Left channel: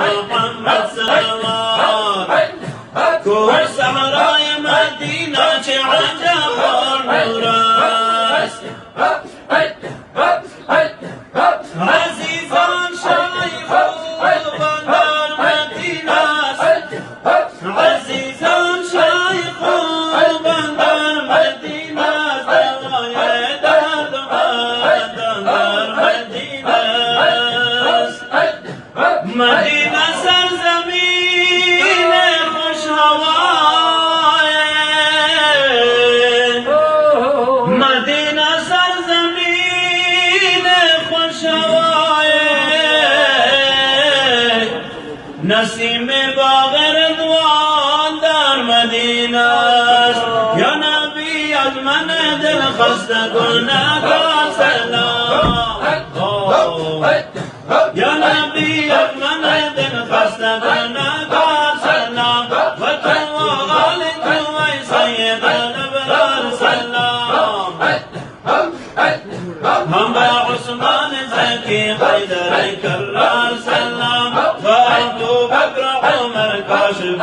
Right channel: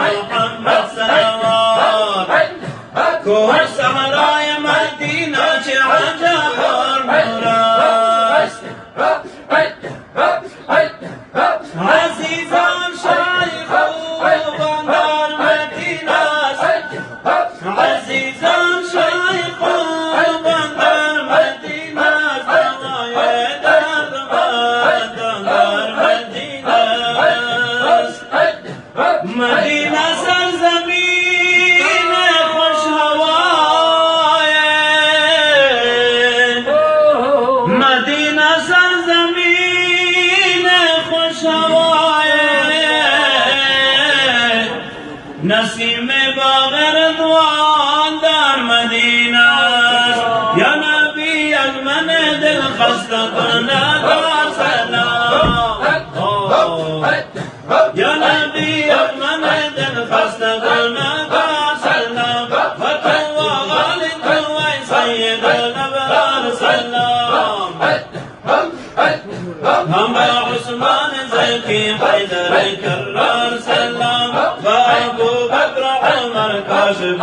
محمد صلوات کوه صحرای مدینه چه عجب نور است عزیزان شیخ خوبان در مدینه است عزیزان شیخ خوبان در مدینه است دوای درد مردان در مدینه است مدینه سرزمین خوش هوای مدینه سرزمین خوش هوای نسیم باغ رضوان در مدینه یا نبی از من دل خسته گناهگار سلام یا نبی از من دل خسته گناهگار سلام و تو و آل تو ای سید الابرار سلام هم به عثمان زکی حیدر کرار سلام و ابو بکر عمر کاشف